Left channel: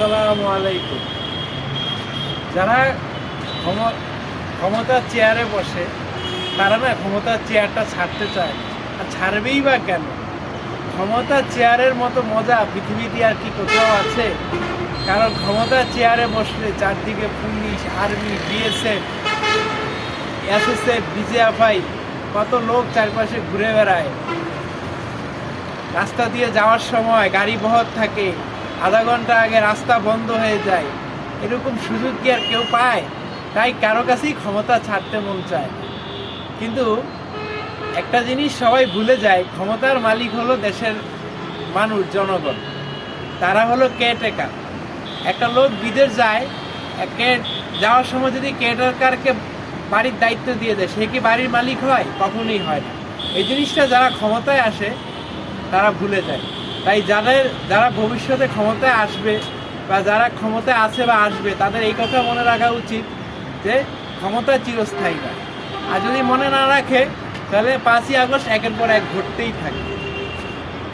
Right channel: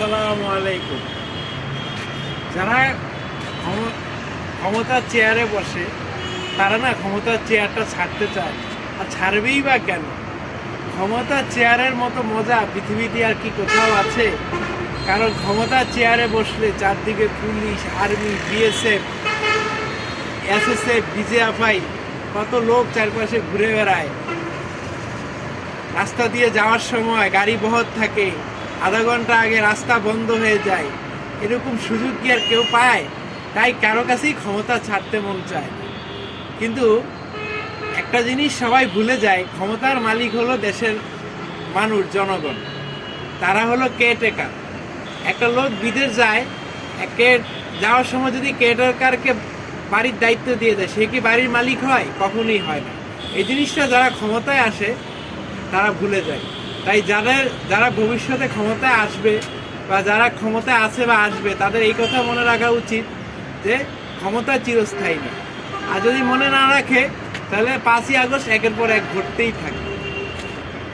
আসসালামু আলাইকুম। যারা ক্ষমতার চেয়ারে বসে তারা না ক্ষমতার চেয়ারটা ছাড়তে চায়, আর ছাড়বেই বা কেন? ক্ষমতার চেয়ারের মতো মজা পৃথিবীতে আর কি কোথাও আছে? কারণ ক্ষমতার চেয়ারে বসলে চারদিকে police, army, BSF, SSF, BGFI কত লোক চারপাশে ঘুরে বেড়ায়। রাস্তা দিয়ে যাওয়ার সময় গাড়ি বহর থাকে, আধা ঘন্টা আগে রাস্তা বন্ধ হয়ে যায়। এরকম সুযোগ কি আর কেউ পায়? তাই কারো কাছেই ক্ষমতা ছাড়তে মন চায়। কিন্তু একটা জিনিস সবাই ভুলে যায়, ক্ষমতার মালিক হলো দেশের মানুষ, জনগণ। তারা হলো কেয়ারটেকার। একটা লোক বিদেশ যায়, যাওয়ার সময় যদি কেয়ারটেকারকে বাড়ির দায়িত্ব দিয়ে দেয়, সে কি বাড়ির মালিক হয়? কখনোই হয় না। এই জিনিসটা যারা ক্ষমতায় আসে তারা ভুলে যায়। তাই যারা ভবিষ্যতে ক্ষমতায় আসবে বা যারা ক্ষমতায় আছে বা আসবে, তাদের এই কথা মনে রাখা উচিত যে ক্ষমতা চিরস্থায়ী না। আর যদি মনে না রাখে, তাহলে 5ই আগস্ট একের পর এক ঘটতেই থাকে।